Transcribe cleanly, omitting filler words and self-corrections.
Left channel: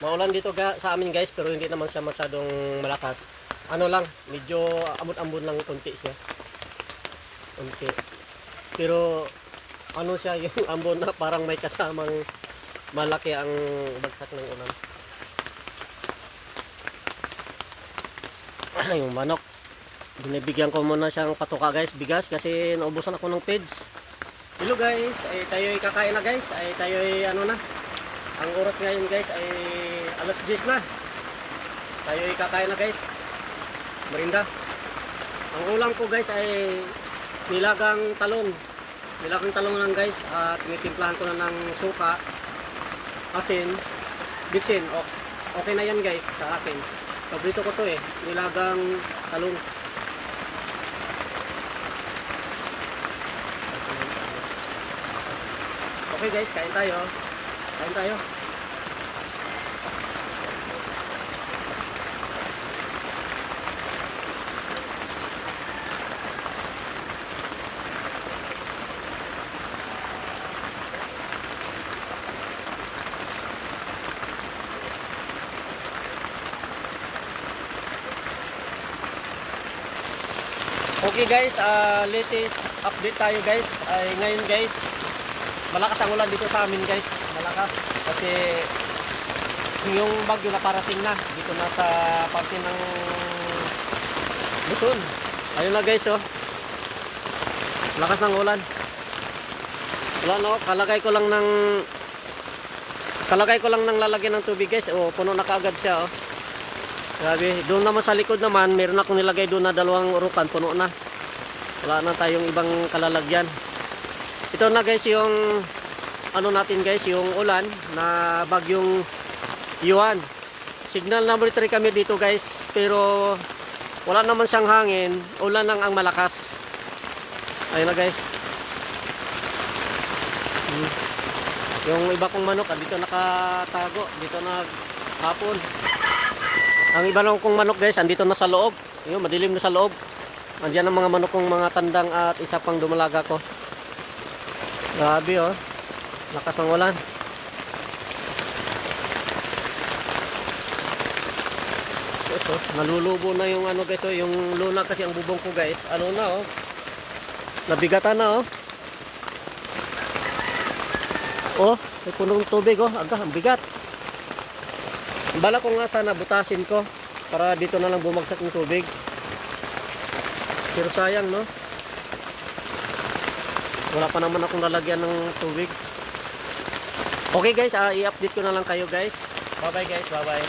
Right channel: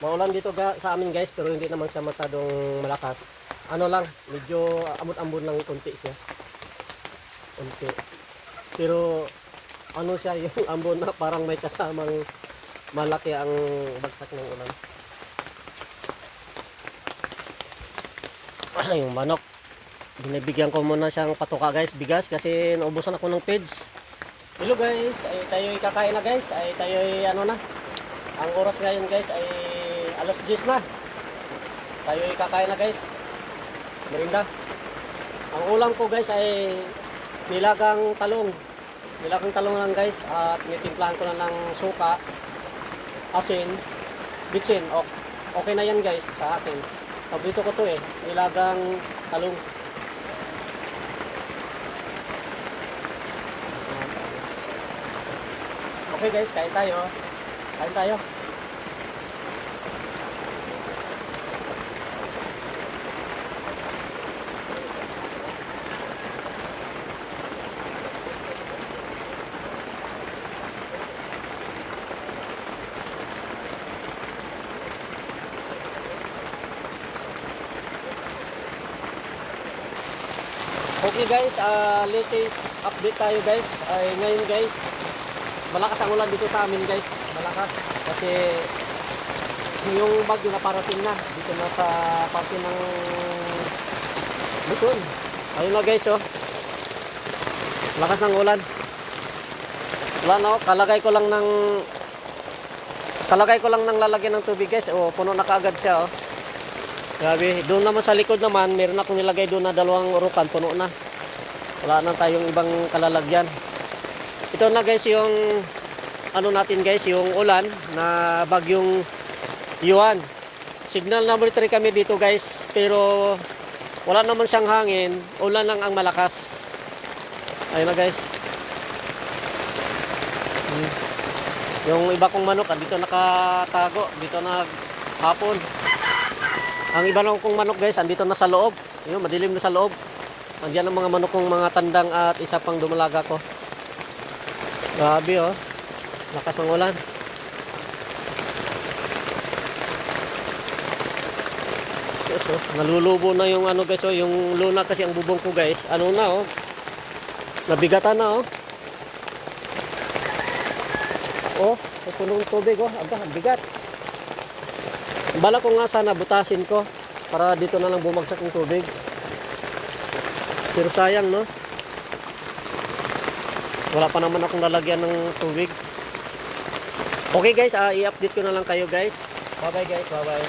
Maulan dito sa amin guys, pero hindi naman siya masyadong malakas. Ano lang, medyo amon-amon lang konti siya. Konti. Pero ano siya yung ambon na parang may kasamang malaki ang bagsak ng ulan. Yung manok. Binibigyan ko muna siyang patuka guys, bigas kasi naubusan ako ng feeds. Hello guys, ay tayo kakain na guys, ay tayo ano na. Ang oras ngayon guys ay alas 10 na. Tayo kakain na guys. Merinda. Ang ulam ko guys ay nilagang talong. Nilagang talong lang guys at tinitimplahan ko na ng suka, asin, bitsin. Okay na yan guys sa akin. Paborito ko to nilagang talong. Okay guys, kain tayo. Kain tayo. Okay guys, latest update tayo guys. Ay ngayon guys, malakas ang ulan dito sa amin guys. Malakas kasi yung bagyo na parating na dito na sa parte ng Luzon. Ayun na guys oh. Lakas ng ulan. Wala na oh, kalagay ko lang ng lalagyan ng tubig guys. Oh, puno na kaagad siya oh. Grabe, doon naman sa likod naman, meron akong nilagay doon na dalawang urukan, puno na. Wala na tayong ibang kalalagyan. Ito na guys yung ano natin guys, yung ulan na bagyong Yuan. Signal number 3 kami dito guys, pero wala naman siyang hangin, ulan lang ang malakas. Ayun na guys. Yung iba kong manok, dito nakatago, dito naghapon. Ang iba na kong manok guys, andito na sa loob. Yun, madilim na sa loob. Andiyan ang mga manok kong mga tandang at isa pang dumalaga ko. Grabe oh. Lakas ng ulan. So, nalulubo na yung ano guys oh, yung luna kasi ang bubong ko guys. Ano na oh. Nabigatan na oh. Oh, may punong tubig oh. Ang bigat. Bala ko nga sana butasin ko para dito na lang bumagsak ng tubig. Pero sayang no. Wala pa naman akong lalagyan ng tubig. Okay guys, i-update ko na lang kayo guys. Bye bye guys, bye bye.